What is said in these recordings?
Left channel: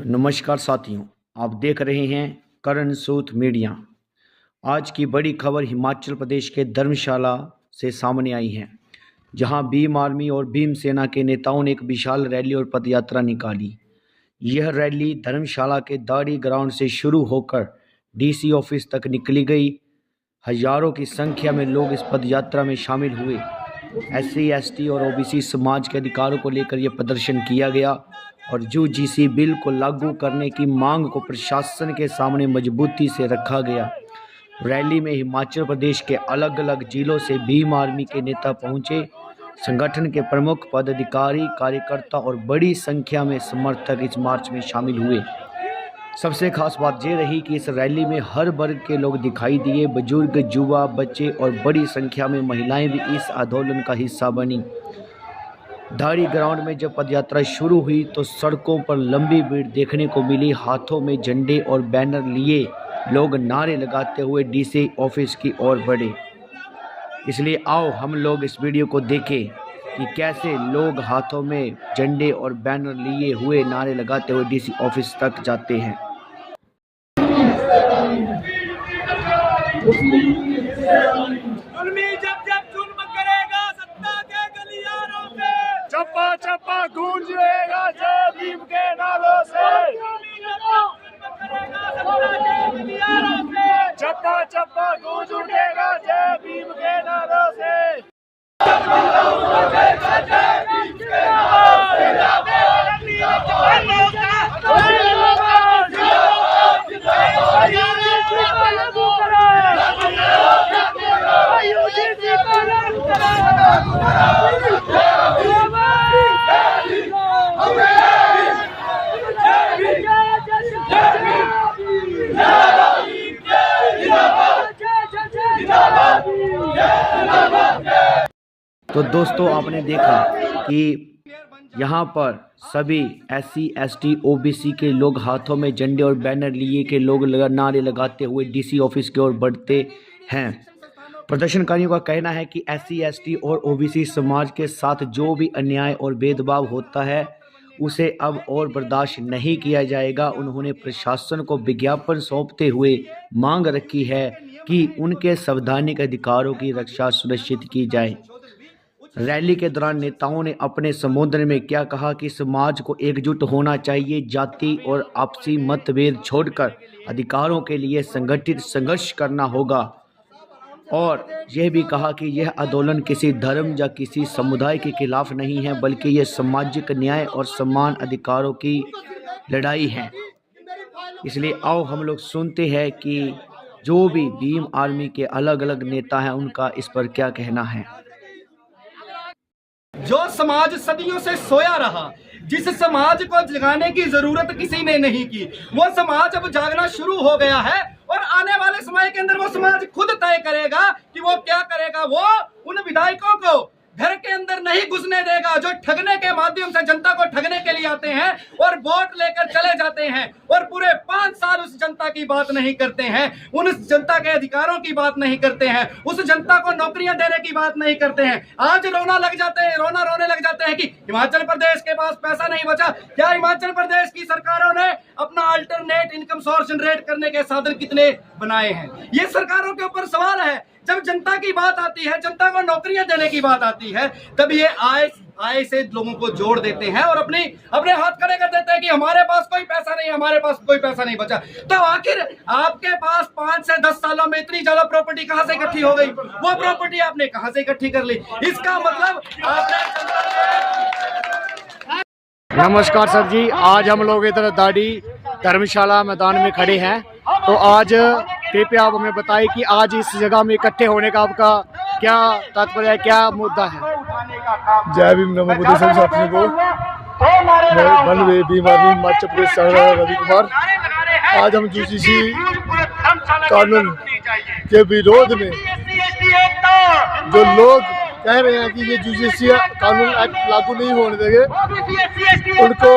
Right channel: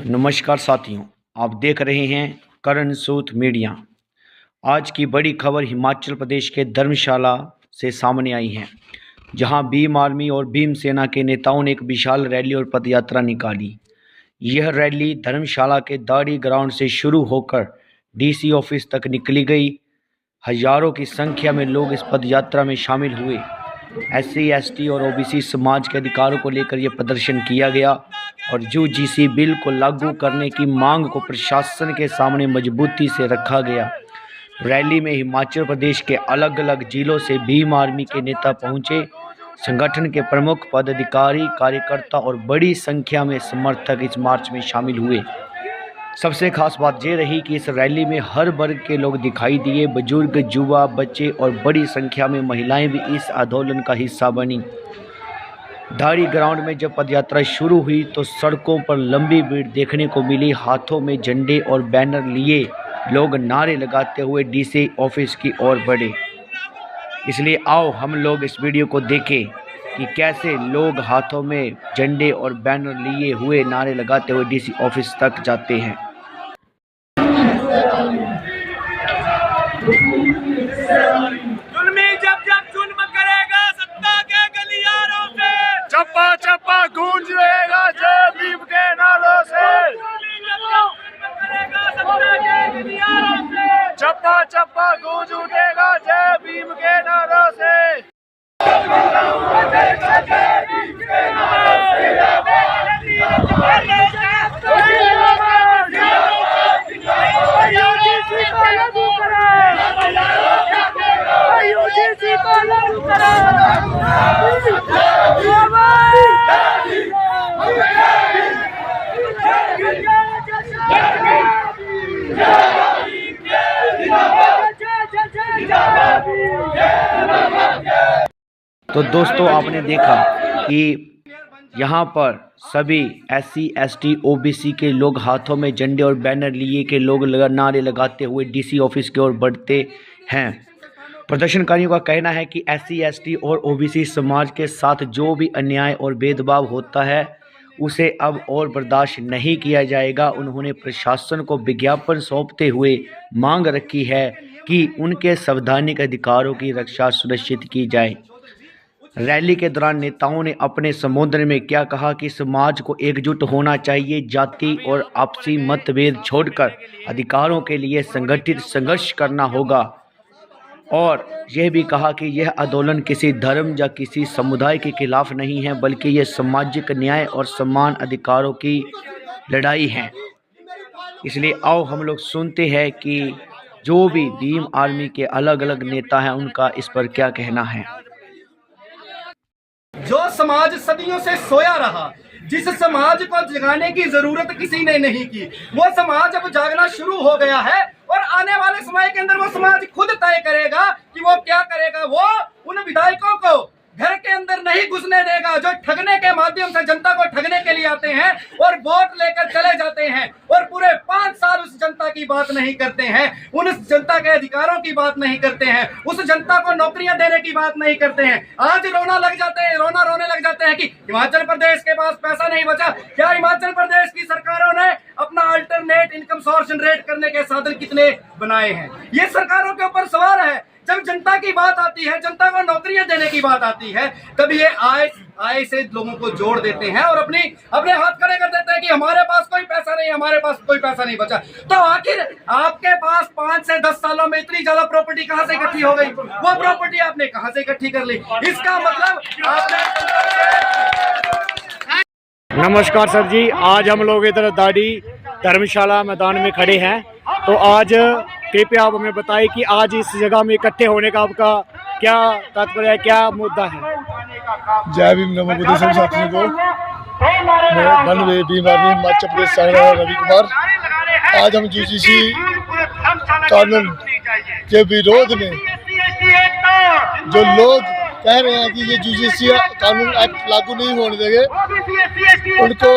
तो नमस्कार साथियों, आप देख रहे हैं करण सूद मीडिया। आज की बड़ी खबर हिमाचल प्रदेश के धर्मशाला से सामने आई है, जहां भीम आर्मी और भीम सेना के नेताओं ने एक विशाल रैली और पदयात्रा निकाली। यह रैली धर्मशाला के दाड़ी ग्राउंड से शुरू होकर डीसी ऑफिस तक निकली गई। हजारों की संख्या में लोग इस पदयात्रा में शामिल हुए। SC, ST और OBC समाज के अधिकारों को लेकर यह प्रदर्शन किया गया और UGC बिल को लागू करने की मांग को प्रशासन के सामने मजबूती से रखा गया। रैली में हिमाचल प्रदेश के अलग अलग जिलों से भीम आर्मी के नेता पहुंचे। संगठन के प्रमुख पदाधिकारी, कार्यकर्ता और बड़ी संख्या में समर्थक इस मार्च में शामिल हुए। सबसे खास बात यह रही कि इस रैली में हर वर्ग के लोग दिखाई दिए। बुजुर्ग, युवा, बच्चे और बड़ी संख्या में महिलाएं भी इस आंदोलन का हिस्सा बनी। दाड़ी ग्राउंड में जब पदयात्रा शुरू हुई तो सड़कों पर लंबी भीड़ देखने को मिली। हाथों में झंडे और बैनर लिए लोग नारे लगाते हुए डीसी ऑफिस की ओर बढ़े। इसलिए आओ हम लोग इस वीडियो को देखें कि कैसे लोग हाथों में झंडे और बैनर लिए हुए नारे लगाते हुए डीसी ऑफिस तक जाते हैं। जुल्म करेगा सत्ता के गलियारों से, चप्पा चप्पा गूंज रहेगा जय भीम के नारों से। चप्पा चप्पा गूंज उठेगा जय भीम के नारों से। तो दोस्तों, आपने देखा कि यहाँ पर सभी SC, ST, OBC के लोग हाथों में झंडे और बैनर लिए के लोग नारे लगाते हुए डीसी ऑफिस की ओर बढ़ते हैं। प्रदर्शनकारियों का कहना है कि SC, ST और OBC समाज के साथ जो भी अन्याय और भेदभाव होता है उसे अब और बर्दाश्त नहीं किया जाएगा। उन्होंने प्रशासन को विज्ञापन सौंपते हुए मांग रखी है कि उनके संवैधानिक अधिकारों की रक्षा सुनिश्चित की जाए। रैली के दौरान नेताओं ने अपने संबोधन में क्या कहा कि समाज को एकजुट होना चाहिए, जाति और आपसी मतभेद छोड़कर अधिकारों के लिए संगठित संघर्ष करना होगा, और यह भी कहा कि यह आंदोलन किसी धर्म या किसी समुदाय के खिलाफ नहीं है, बल्कि यह सामाजिक न्याय और समान अधिकारों की लड़ाई है। इसलिए आओ हम लोग सुनते हैं कि जो भी भीम आर्मी के अलग अलग नेता हैं उनका इस पर क्या कहना है। जो समाज सदियों से सोया रहा, जिस समाज को जगाने की जरूरत किसी ने नहीं की, वो समाज अब जागना शुरू हो गया है और आने वाले समय के अंदर वो समाज खुद तय करेगा कि वो क्या करेगा। वो उन विधायकों को घर के अंदर नहीं घुसने देगा जो ठगने के माध्यम से जनता को ठगने के लिए आते हैं और वोट लेकर चले जाते हैं और पूरे 5 साल उस जनता की बात नहीं करते हैं, उन जनता के अधिकारों की बात नहीं करते हैं, उस जनता को नौकरियां देने की बात नहीं करते हैं। आज रोने लग जाते हैं कि हिमाचल प्रदेश के पास पैसा नहीं बचा। क्या हिमाचल प्रदेश की सरकारों ने अपना अल्टरनेट इनकम सोर्स जनरेट करने के साधन कितने बनाए हैं? ये सरकारों के ऊपर सवाल है। जब जनता की बात आती है, जनता को नौकरियां देने की बात आती है, तब ये आय से लोगों को जोड़ देते हैं और अपने हाथ खड़े कर देते हैं कि हमारे पास कोई पैसा नहीं, हमारे पास कोई पैसा नहीं बचा। तो आखिर आपके पास 5 से 10 सालों में इतनी ज्यादा प्रॉपर्टी कहां से इकट्ठी हो गई? वो प्रॉपर्टी आपने कहां से इकट्ठी कर ली? इसका मतलब नमस्कार सर जी, आज हम लोग इधर दाड़ी धर्मशाला मैदान में खड़े हैं। तो आज कृपया आप हमें बताइए कि आज इस जगह में इकट्ठे होने का आपका क्या तात्पर्य है, क्या मुद्दा है? जय भीम, नमो बुद्ध सब साथियों को। मैं भीम आर्मी हिमाचल प्रदेश रवि कुमार। आज हम UGC कानून के विरोध में जो लोग कह रहे हैं कि ये UGC कानून एक्ट लागू नहीं होने देंगे, उनको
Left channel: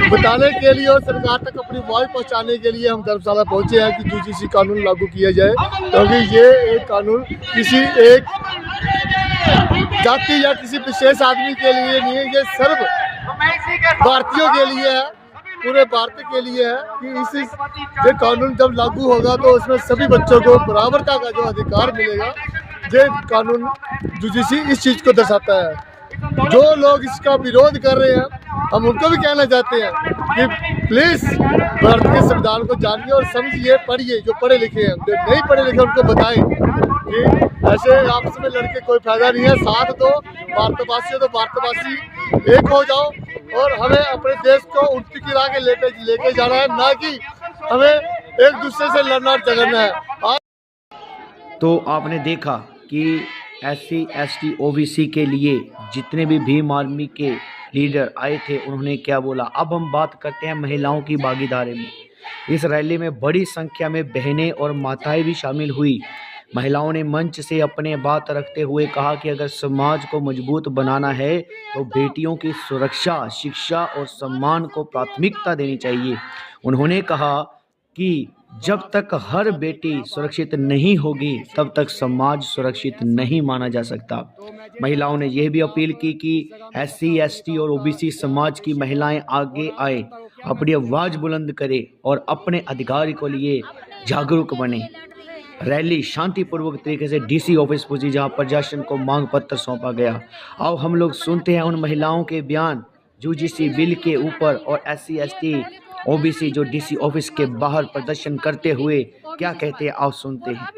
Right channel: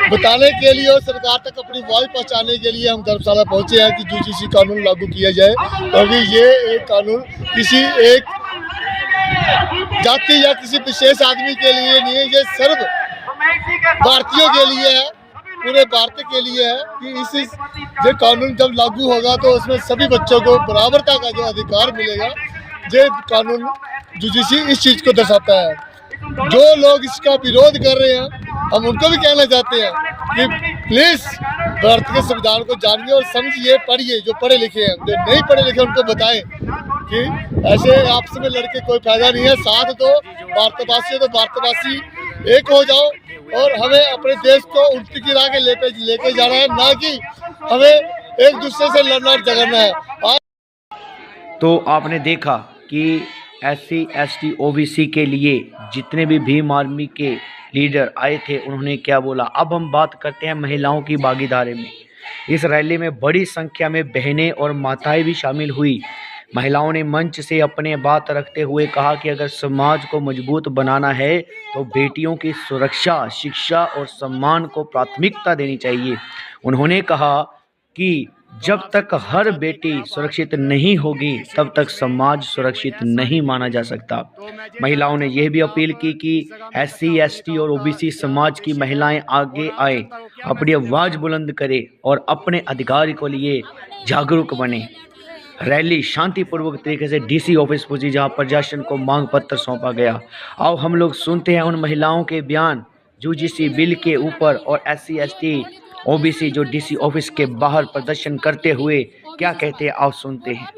बताने के लिए और सरकार तक अपनी आवाज पहुंचाने के लिए हम धर्मशाला पहुंचे हैं कि UGC कानून लागू किया जाए, क्योंकि ये एक कानून किसी एक जाति या किसी विशेष आदमी के लिए नहीं है, ये सर्व भारतीयों के लिए है। पूरे भारत के लिए है कि ये कानून जब लागू होगा तो उसमें सभी बच्चों को बराबरता का जो अधिकार मिलेगा। ये कानून यूजीसी इस चीज को दर्शाता है। जो लोग इसका विरोध कर रहे हैं, हम उनको भी कहना चाहते हैं कि प्लीज भारत के संविधान को जानिए और समझिए, पढ़िए। जो पढ़े लिखे हैं, जो नहीं पढ़े लिखे उनको बताएं कि ऐसे आपस में लड़के कोई फायदा नहीं है। साथ दो, भारतवासी हो तो भारतवासी एक हो जाओ और हमें अपने देश को उन्नति की राह के लेके जाना है, ना कि हमें एक दूसरे से लड़ना झगड़ना है। तो आपने देखा कि SC ST OBC के लिए जितने भी भीम आर्मी के लीडर आए थे उन्होंने क्या बोला। अब हम बात करते हैं महिलाओं की भागीदारी में। इस रैली में बड़ी संख्या में बहनें और माताएं भी शामिल हुई। महिलाओं ने मंच से अपने बात रखते हुए कहा कि अगर समाज को मजबूत बनाना है तो बेटियों की सुरक्षा, शिक्षा और सम्मान को प्राथमिकता देनी चाहिए। उन्होंने कहा कि जब तक हर बेटी सुरक्षित नहीं होगी तब तक समाज सुरक्षित नहीं माना जा सकता। महिलाओं ने यह भी अपील की कि SC ST और OBC समाज की महिलाएं आगे आए, अपनी आवाज बुलंद करें और अपने अधिकार के लिए जागरूक बने। रैली शांतिपूर्वक तरीके से DC ऑफिस पहुंची, जहां प्रशासन को मांग पत्र सौंपा गया। आओ हम लोग सुनते हैं उन महिलाओं के बयान UGC बिल के ऊपर और SC ST OBC जो DC ऑफिस के बाहर प्रदर्शन करते हुए क्या कहते हैं, आओ सुनते हैं।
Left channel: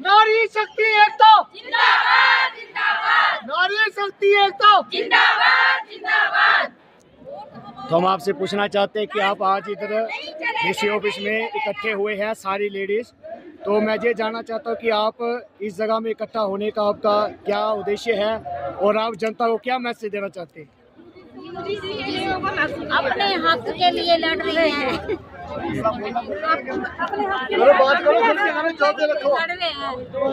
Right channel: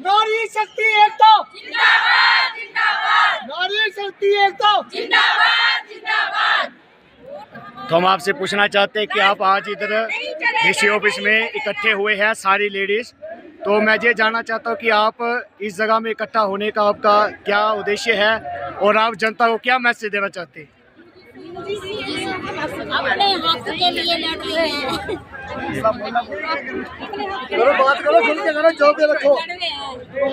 नारी शक्ति एक तो जिंदाबाद, जिंदाबाद। नारी शक्ति एक तो जिंदाबाद, जिंदाबाद। तो हम आपसे पूछना चाहते हैं कि आप आज इधर DC ऑफिस में इकट्ठे हुए हैं सारी लेडीज, तो मैं ये जानना चाहता हूँ कि आप इस जगह में इकट्ठा होने का आपका क्या उद्देश्य है और आप जनता को क्या मैसेज देना चाहते हैं? अपने हक के लिए लड़ रही हैं।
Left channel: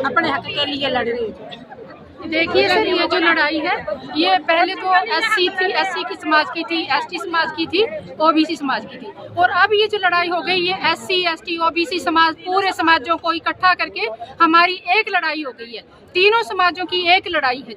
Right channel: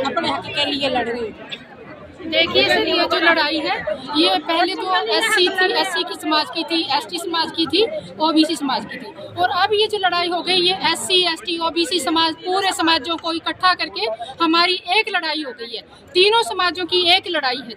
अपने हक के लिए लड़ रही है। देखिए सर, ये जो लड़ाई है ये पहले तो SC की समाज की थी, ST समाज की थी, OBC समाज की थी, और अब ये जो लड़ाई हो गई ये SC ST OBC समाज पूरे समाजों को इकट्ठा करके हमारी एक लड़ाई हो गई है। तीनों समाजों की एक लड़ाई है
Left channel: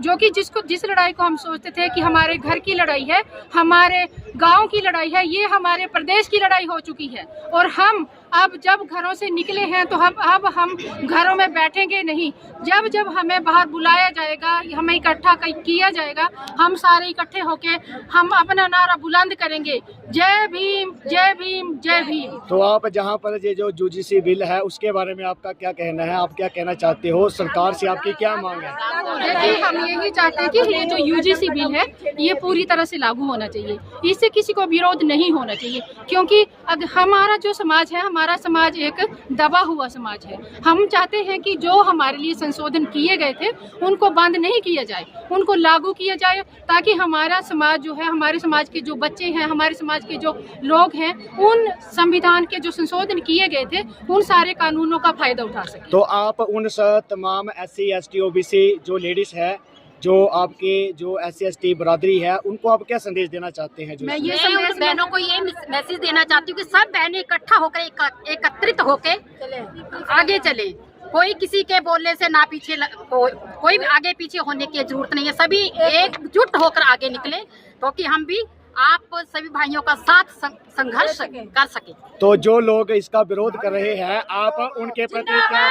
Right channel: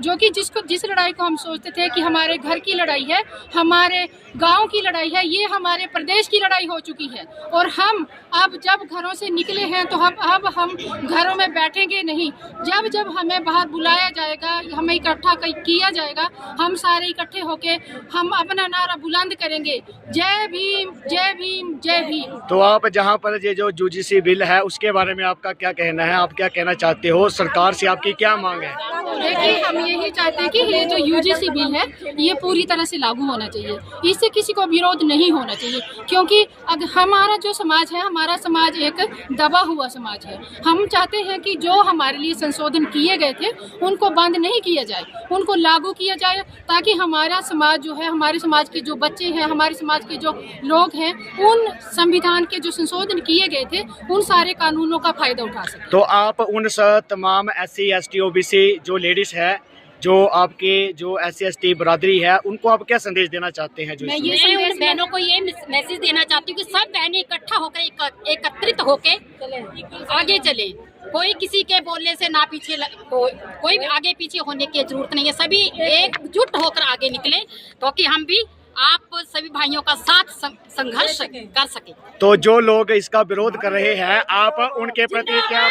जो कि जिस लड़ाई को हम सोचते थे कि हमारे घर की लड़ाई है, हमारे गांव की लड़ाई है, ये हमारे प्रदेश की लड़ाई हो चुकी है। और हम अब जब घरों से निकले हैं तो हम घरों में बैठेंगे नहीं। जब हमें बाहर बुलाया जाएगा, हमें इकट्ठा किया जाएगा, हम सारे इकट्ठे होके हम अपना नारा बुलंद करेंगे, जय भीम, जय भीम, जय भीम। तो आप जहाँ पर ये जो UGC बिल है उसके बारे में आपका क्या कहना है? आप क्या कहना चाहते हो? सरकार से आपकी क्या मांग है? देखिए, हम यही चाहते हैं कि ये जो UGC बिल है ये पूरी तरह से लागू होना चाहिए, इससे किसी को विरोध नहीं होना चाहिए, क्योंकि हमारा जो समाज है, हमारा समाज एक दबा हुआ समाज है। हम चाहते हैं कि जो हमारे लिए संशोधन किए गए थे उनको बंद नहीं किया जाए, उनको लागू किया जाए, ताकि हमारा समाज जो है, हमारे समाज के जो बच्चे हैं, हमारे समाज के जो लोग हैं, उन संविधान के जो संशोधन किए गए थे उन सारे कानूनों का फायदा उठा सकें। तो आप उन तमाम SC ST OBC जो लेडीज है, जो आपके जो SC ST बरादरी है, उनको आप क्या संदेश देना चाहते हैं? मैं उन बहनों को ये मैसेज देना चाहती हूँ कि सब बहनें इकट्ठा होकर, एकत्रित होकर आगे चले। कोई किसी के बोलने से ना पीछे कोई आगे पीछे होने की जरूरत नहीं है। सभी एकजुट होकर आगे निकले तो कि हम भी आप सभी भाइयों का साथ संघर्ष कर सके। तो जो लोग इसका विरोध कर रहे हैं, आप उनके प्रति क्या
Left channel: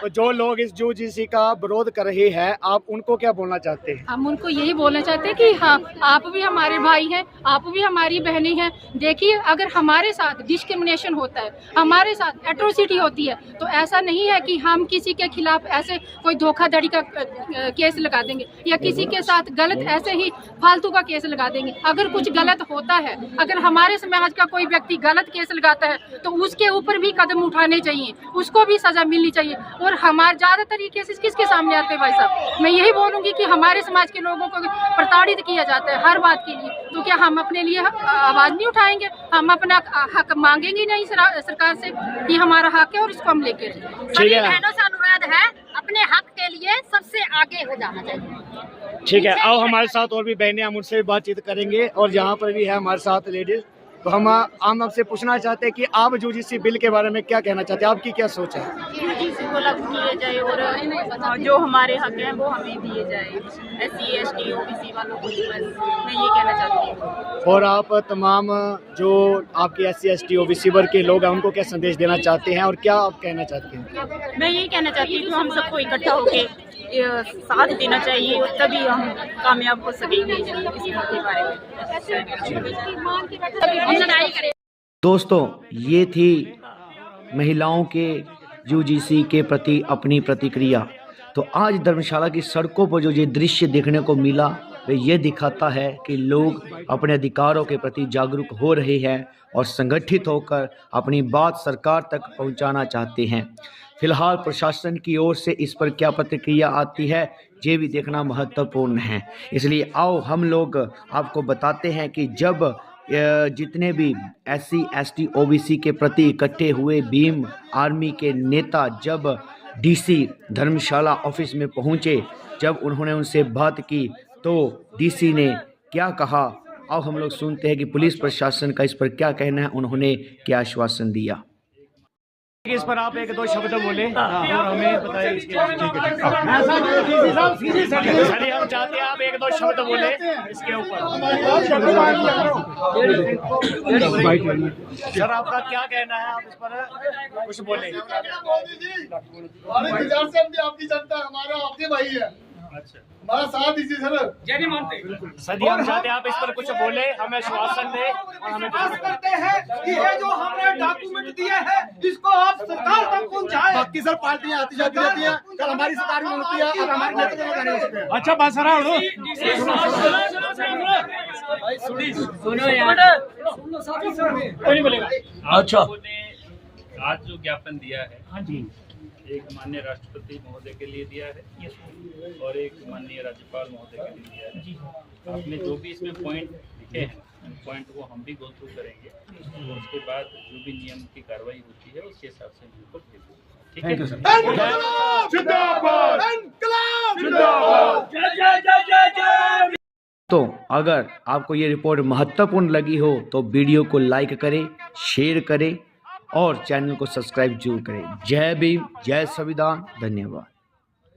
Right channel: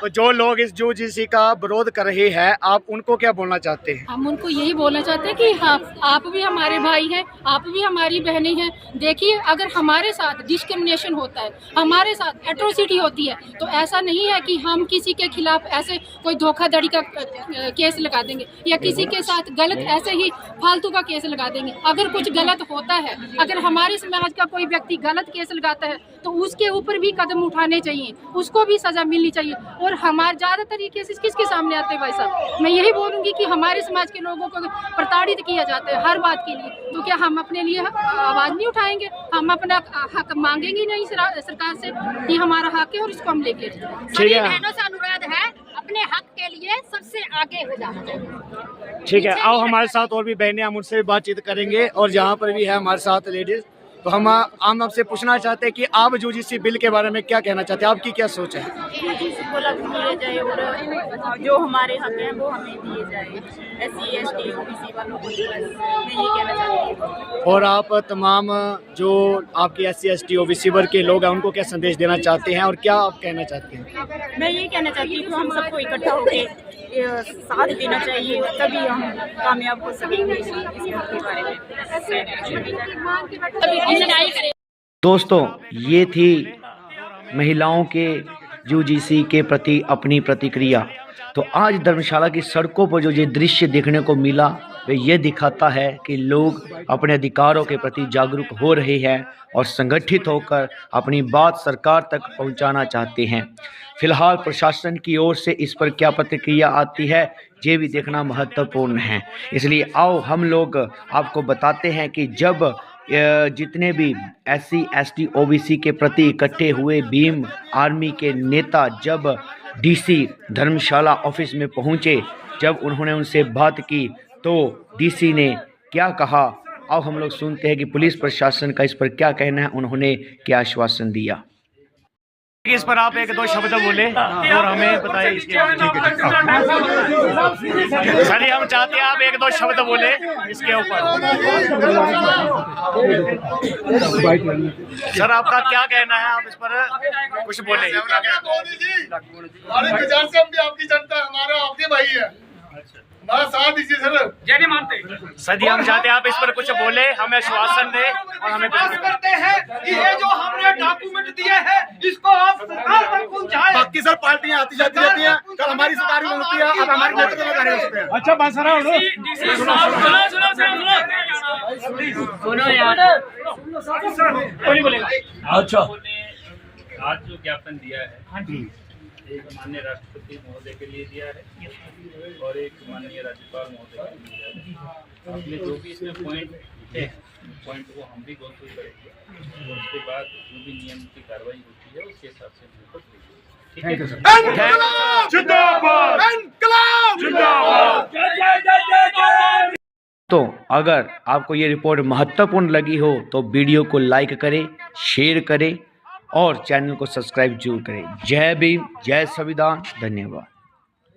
तो जो लोग इस UGC का विरोध कर रहे हैं, आप उनको क्या बोलना चाहते हैं? हम उनको यही बोलना चाहते हैं कि हाँ, आप भी हमारे भाई हैं, आप भी हमारी बहनें हैं। देखिए, अगर हमारे साथ डिस्क्रिमिनेशन होता है, हमारे साथ एट्रोसिटी होती है, तो ऐसा नहीं है कि हम किसी के खिलाफ ऐसे कोई धोखाधड़ी का केस लगा देंगे या किसी के साथ गलत ऐसे ही फालतू का केस लगा देंगे। अगर कुछ गलत होता है, अगर हमारे समाज का कोई व्यक्ति गलत केस लगाता है तो उसके ऊपर भी कदम उठाने चाहिए, उसको भी सजा मिलनी चाहिए। और और हमारे ज़्यादातर ये केसेस किसके सामने आते हैं भाई साहब? मैं यही बोलूँगी कि हमारे समाज के लोगों को प्रताड़ित किया जाता है हर बात के लिए, तो क्या हम अपने लिए आवाज़ नहीं उठाएंगे? हम अपना हक मांगेंगे नहीं सरकार से कि हमारा हक है और इसको हम लेके सभी बहनों से अनुरोध है, अपने हक के लिए सबसे आगे हो जाना चाहिए। ठीक है, आओ हमारे साथ और भी बहनें, हम उनसे भी बातचीत करेंगे और यहाँ पर भी है हमारे साथ लेडीज। तो हम आपसे पूछना चाहते हैं कि आप यूजीसी बिल के बारे में क्या कहना चाहते हैं, आपकी क्या सोच है? यूजीसी को लागू किया जाए और जो हमारे हक हैं वो हमें दिए जाए, SC ST OBC वालों को, बस मैं ये कहना चाहती हूँ। और आप तमाम जो आपके SC ST OBC वर्ग के लोग हैं उनको क्या संदेश देना चाहते हैं और क्या आप कहना चाहते हैं? मैं ये कहना चाहती हूँ कि हम सबको इकट्ठा होकर साथ देना चाहिए, तभी हम कामयाब हो सकेंगे इस के बारे में। दोस्तों, ये थी महिलाओं के यूजीसी के प्रति अपनी प्रतिक्रिया। तो आज धर्मशाला की सड़कों पर जो ये दृश्य देखने को मिला वे ये दिखाता है कि लोग अपने अधिकारों के प्रति जागरूक हो रहे हैं और संगठित होकर अपनी बात सरकार तक पहुंचाना चाहते हैं। फिलहाल प्रशासन की ओर से इस पर क्या प्रतिक्रिया आती है ये भी देखना महत्वपूर्ण है। इसलिए आओ हम लोग आपको बताते हैं कि जब जितने भी SC ST OBC के प्रति इकट्ठे हुए भीम आर्मी के नेता जब DC धर्मशाला ऑफिस में पहुंचे, जब उन्होंने उनसे बात की तो DC ने क्या कहा, आओ हम लोग सुनते हैं कि पुलिस प्रशासन का इस पर क्या कहना है, उन्होंने क्या आश्वासन दिया। इस पर आप एक दो शब्द बोले और हमें बताइए इसके। सर हम चाहते हैं आप एक दो शब्द बोले इसके ऊपर। सर आपका क्या कहना है, आप इस पर कुछ बोले। हमारे किसान से हम भी आपकी जनता, हमारा आपके भाई है, हमारा साथ दीजिए सर। जय नहीं मानते सर जी, हम चाहते हैं आप इस पर कुछ बोले, हमें आश्वासन दे और हमें करते हैं कि ये जो हमने डॉक्यूमेंट दिए हैं इसको आप सरकार तक पहुंचाएं। बाकी सर पार्टियां आती जाती रहती हैं, कल हमारी सरकार भी होती है, अब हमारे नेतृत्व में गाने होते हैं। अच्छा बात सर अच्छा, आज जो ज्ञापन दिया है एक माननीय राष्ट्रपति महोदय के लिए दिया है और एक माननीय राज्यपाल महोदय के लिए दिया है। आपने जो भी इसमें पॉइंट लिखे हैं पॉइंट को हम भी गो थ्रू करेंगे और उसके बाद जो भी नियम की कार्रवाई होती है उसके हिसाब से हम रिपोर्ट देंगे। ठीक है। तो अगर आपको ये रिपोर्ट महत्वपूर्ण लगी हो तो वीडियो को लाइक करें, शेयर करें और चैनल को सब्सक्राइब जरूर करें। जय भीम, जय संविधान, धन्यवाद।